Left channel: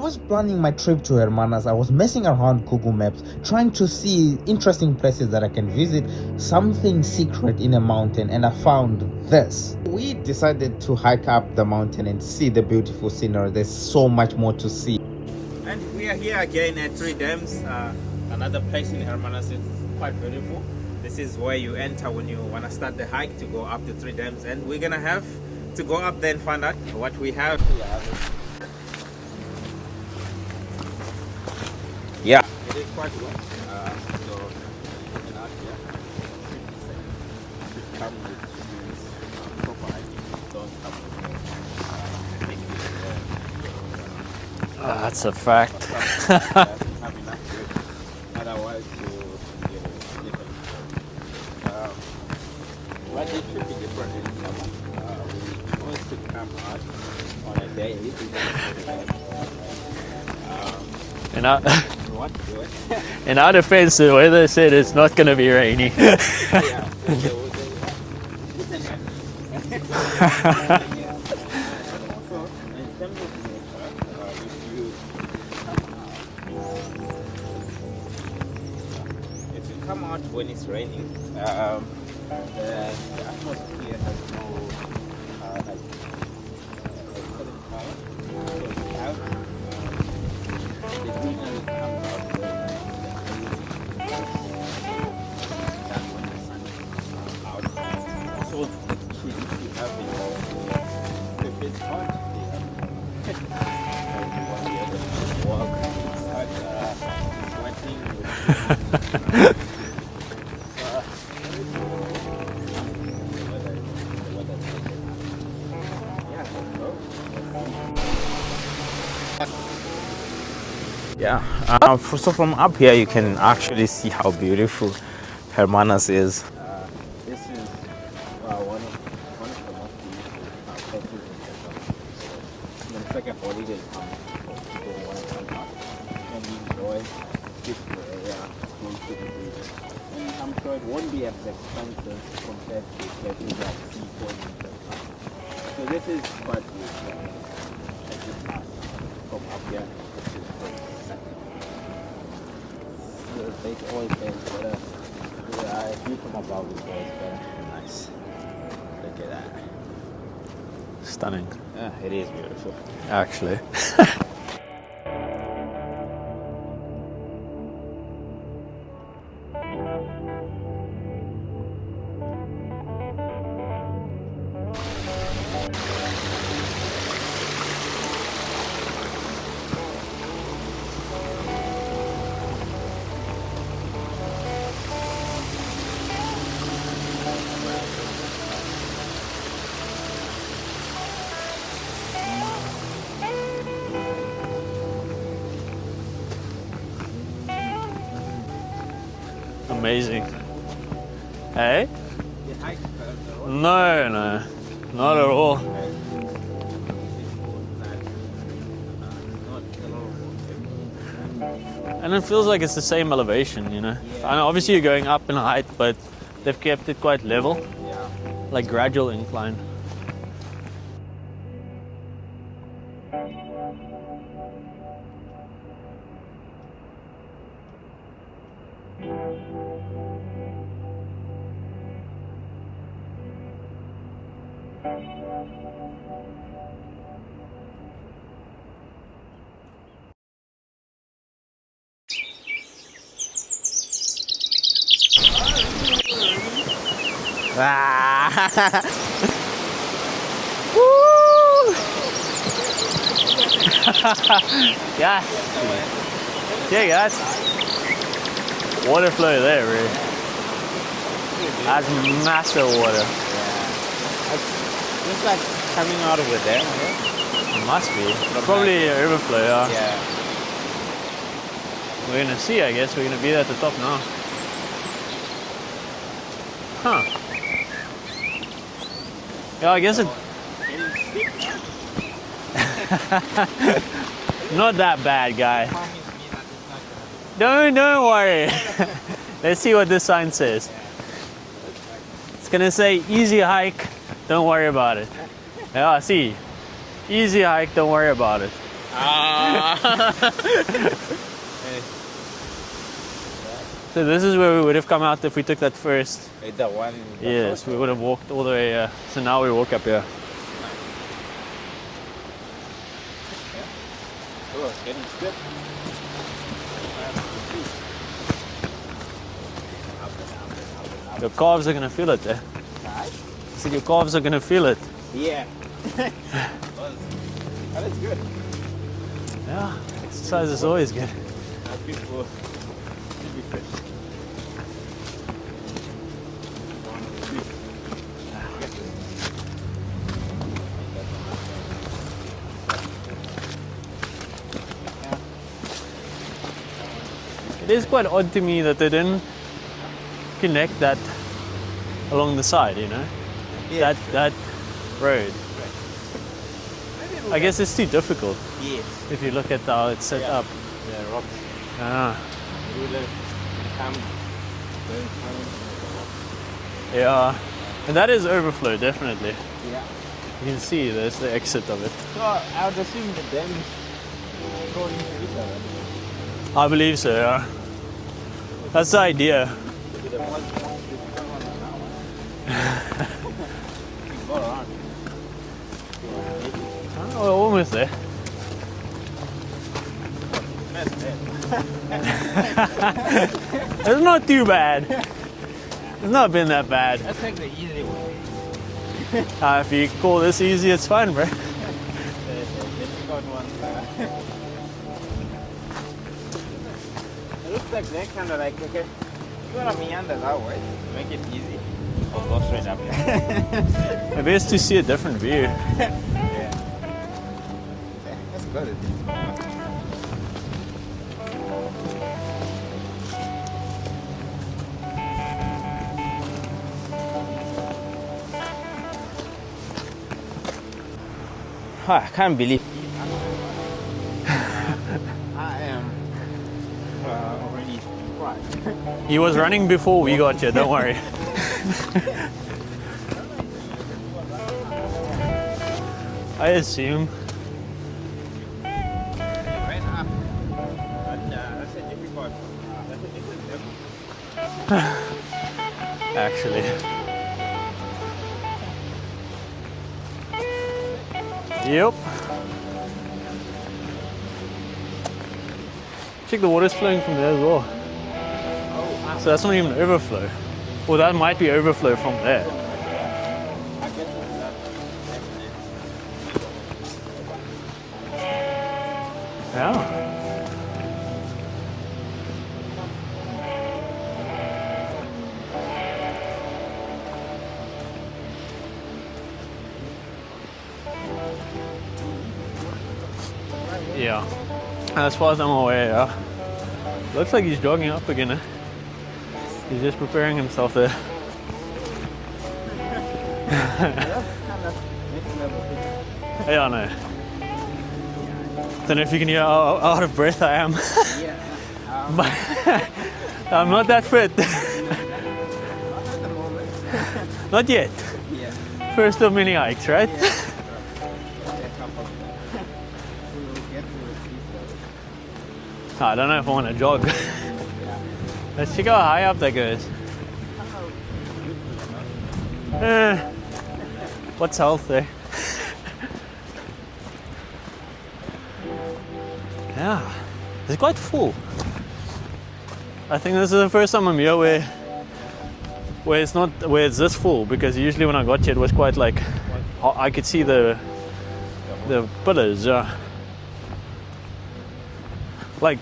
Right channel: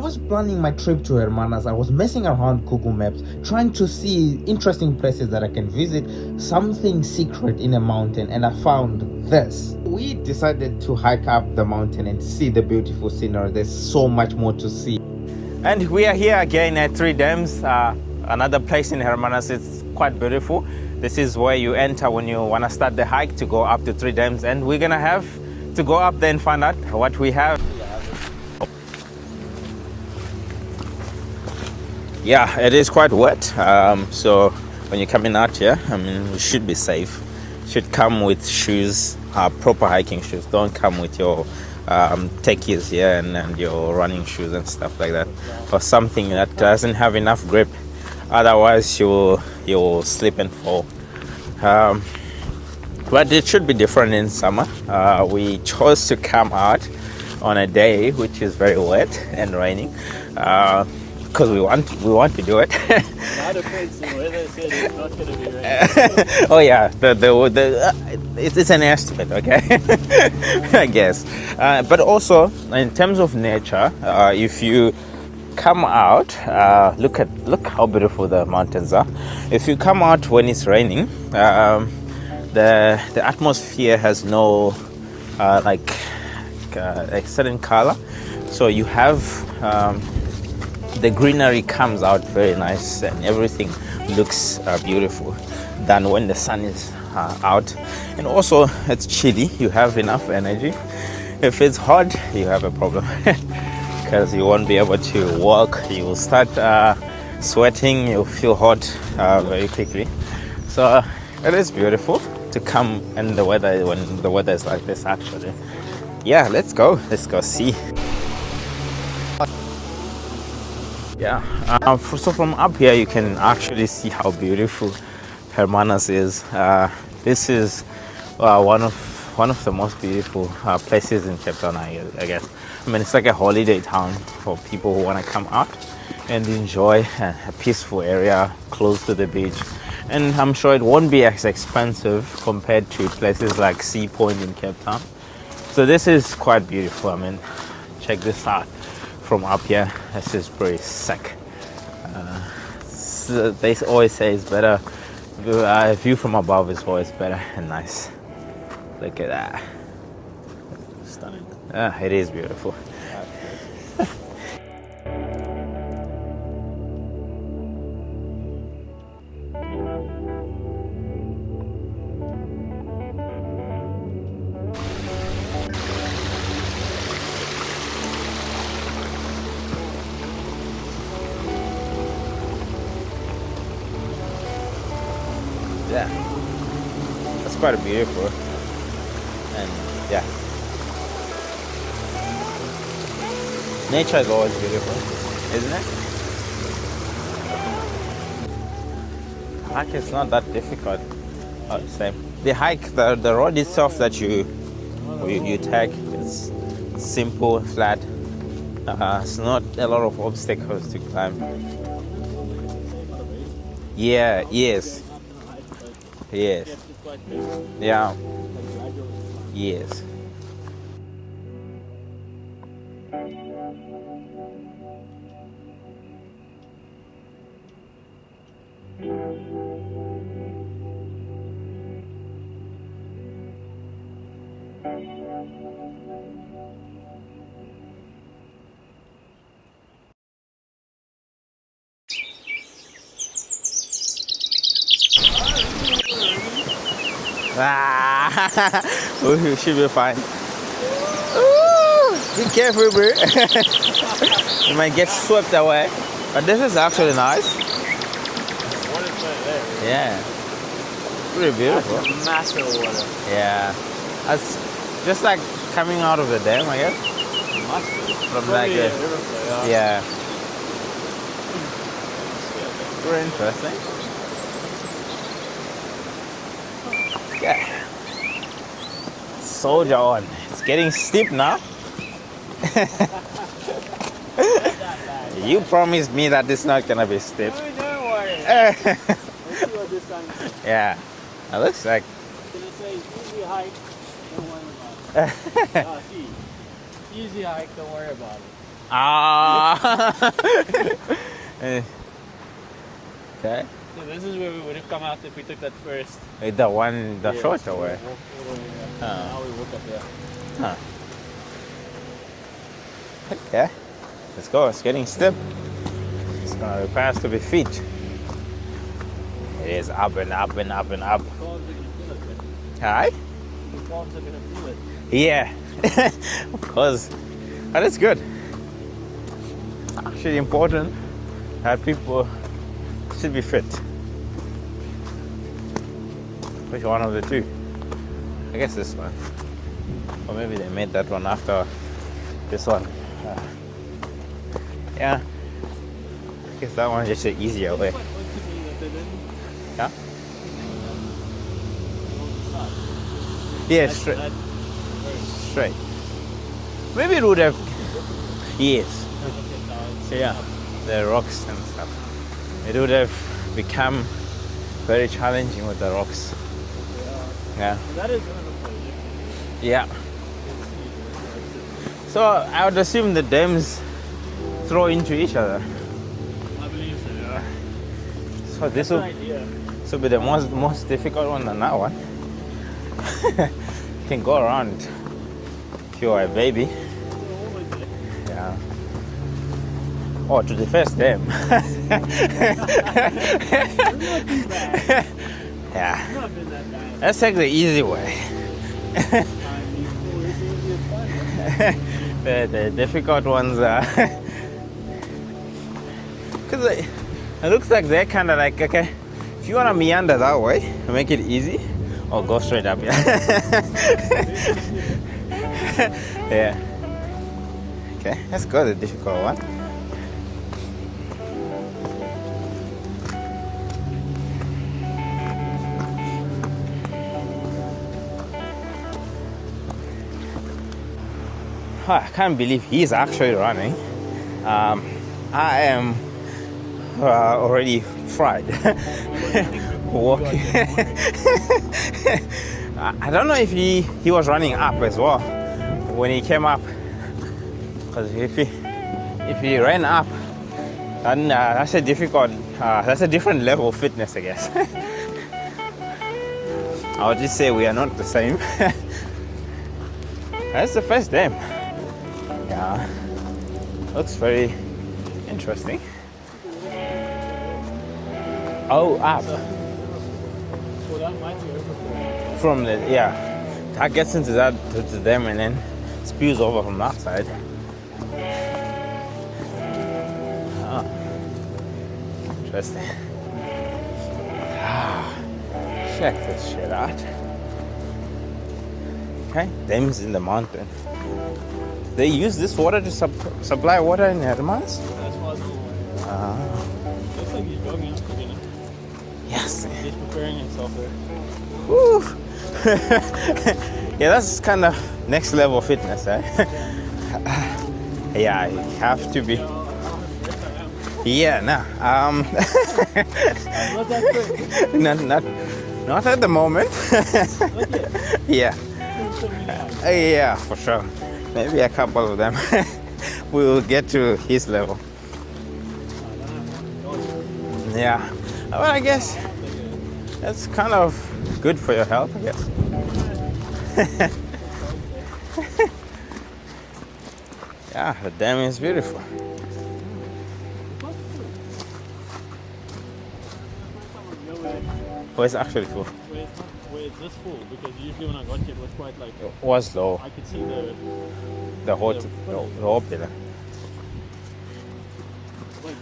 I was planning my trip to Hermanus. I was messing around Google Maps, trying to see interesting places that I can visit, something secret in a mountain, and I found this. We decided to hike up the mountain and see the beautiful scenery. There's so much more to see. And we are here again at Three Dams, another place in Hermanus. It's quite beautiful. This is where you enter when you want to start the hike to go up to Three Dams, and we're gonna have to go up there and find out what we have. Yeah, it is quite wet. So when you're coming out here, I mean, you should be safe. You should come with shoes, proper hiking shoes. Don't come with your techies here and your running shoes and stuff like that. That's a fact. Or something that doesn't have enough grip. Otherwise, you'll slip and fall. But it should be different in summer. We chose to come out on a day which is very wet and raining. Because we want to do it. In our defense, the weather said it's not going to be raining. Oh yeah, it's an estimate, okay? I guess. But also, in terms of nature, if you come out, look how beautiful the mountains are. If you come out when it's raining, the atmosphere has no like a certain color, so you have the greenery comes out very nice and everything looks beautiful than when the sun is out. And also it's chilly, you have enough energy. If it's hot, you have a problem because you won't be able to walk. You will start sweating, you'll feel hot very quickly. So it is beautiful to come in the weather when the weather is like this actually. Yeah, let's go see. Yeah, so from up here you can actually see how beautiful Hermanus is. This is one of the most beautiful places in Cape Town, I guess. I mean, it's like a holiday town for people who want to come out and enjoy a peaceful area close to the beach. And I'm sure it won't be as expensive compared to places like Sea Point in Cape Town. So this is quite beautiful. I mean, check this out. From up here, this is pretty sick. So they always say it's better. View from above is always better and nice. Look at that. Stunning. It is beautiful, actually. Yeah, it's quite beautiful, and yeah, nature is always beautiful, isn't it? Amazing. It's not that difficult. Hey? Same. The hike, the road itself that not at all. you take, it's simple, flat. It's not a lot of obstacles to climb. And it feels like it's the same elevation, you know? Yeah, And obviously yes. you're going up in height, but they've Yes. kept it quite level, Yeah. like gradual incline. Yes. We should be fine. Be careful, bro. You might get swept away. But this is actually nice. Water flow there, really. Yeah. Pretty beautiful. That's massive water. Yeah. That's just like coming out of the dam, I guess. It must be. From Probably like a overflow, Yeah. We're going to see, I guess. We're going to be at the top now. Huh. Yeah. So I guess it's getting steep now. Not that bad, guy. You promised me that it's not gonna be steep. No, don't worry. Let's see what this sign says. Yeah. It looks like It's gonna say easy hike, don't worry about it. Yeah, see. Easy hike, don't worry about it. Ah. Okay. So this is where we would have come out if we took that first. Like the one, the Yes, short we would have walked all the way here. So now we walk up here. Okay. Let's go. It's getting stiff. It's gonna require us to be feet. It is up and up and up and up. Your calves are gonna feel it. Alright? So your calves are gonna feel it. Yeah. But it's good. Yeah. It's Exercise really is always important. good. People should be fit. Pick one of the two. I guess this one. Or maybe they made that one after this one. Yeah. I guess that one just the easier It's way. quite odd to me that they didn't Yeah? connect that along the side, you know? Yeah, that, straight. that road. Straight. Maybe it would I have. guess it's too difficult Yes. if you look at how it's set Yeah. up. The rocks and Ah, it would have become very challenging with the rocks. yeah. Yeah. And that is overflow, definitely. Yeah. You can see there's the exit of it. So I would assume the dams throw into each other. I believe so, yeah. So That's the idea. This will be the most difficult one than that one. You can go around if you are a baby. Oh, we're almost there. Yeah. Oh, to the first dam. It's not too bad. Yeah. It's not been that bad. Let's take the easy way. If you call this easy, it's fine, bro. The difficult ones are. Because it looks like they're kind of like, okay, if you want to meander that way to make it easy, or go straight up, yeah. Best to see a different view. Yeah. Okay, let's go the difficult one. I can't believe he's actually running. I am already fried. He was running before we got here, don't worry. I don't know if he was running up as well when he came I up. assume. Because if he ran up, then that's a different level of fitness, I guess. Actually, I would just say we are not the same. That's the first dam. Yep. Yeah, looks very interesting. Check the water's flowing from there as well. Oh, up So that's not even overflow. Well, that might be overflow from there. from the that gets into that with the dam and then spews over from that side. Yeah. Interesting. Check this shit out. Okay, dams in the mountain. They use this water to supply water in Yeah. Hermanus? As far as I'm aware, yeah. Looks like he's jogging up again. Yes. He's just preparing himself there. Woo. Yeah, that's kind of next level fitness, eh? Yeah, I know. Yeah, I don't know if you can hear how out of breath I am. Yeah, nah. I'm not that fit. Not at the moment. Not yet. Yeah. First of many hikes, right? Yeah, for sure. Maybe a couple of them. We will get to his level. I don't know if I want to jog. Yeah. I I think how guess high up that goes. that's kind of good for your health, I guess. What's health there? Yeah, the dam is beautiful. Yeah. It's quite full. I think this is the first time I'm here where Well, it's actually cool. it's not where it's this full, because usually when I got here it was quite like Was low. I could see the the pillars, whole yeah. pillar. Like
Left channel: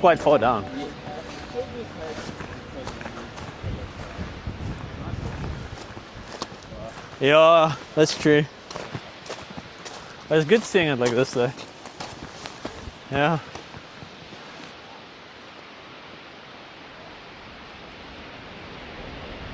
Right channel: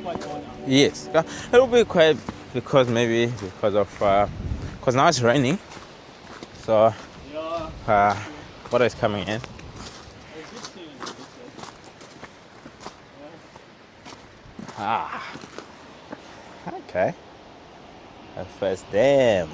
quite far down. Yes. It will be quite because now it's raining. So Yeah, that's true. water is coming in. But it's good seeing it like this though. Yeah. Okay. That first dam.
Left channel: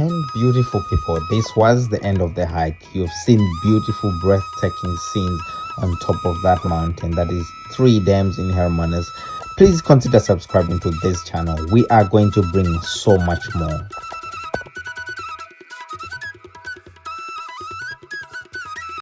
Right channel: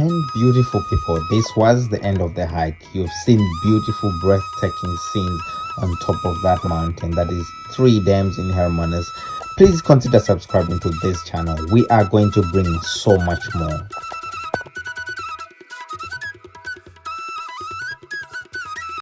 And beautiful people, this was the end of the hike. You've seen beautiful, breathtaking scenes on top of that mountain. That is 3 dams in Hermanus. Please consider subscribing to this channel. We are going to bring so much more.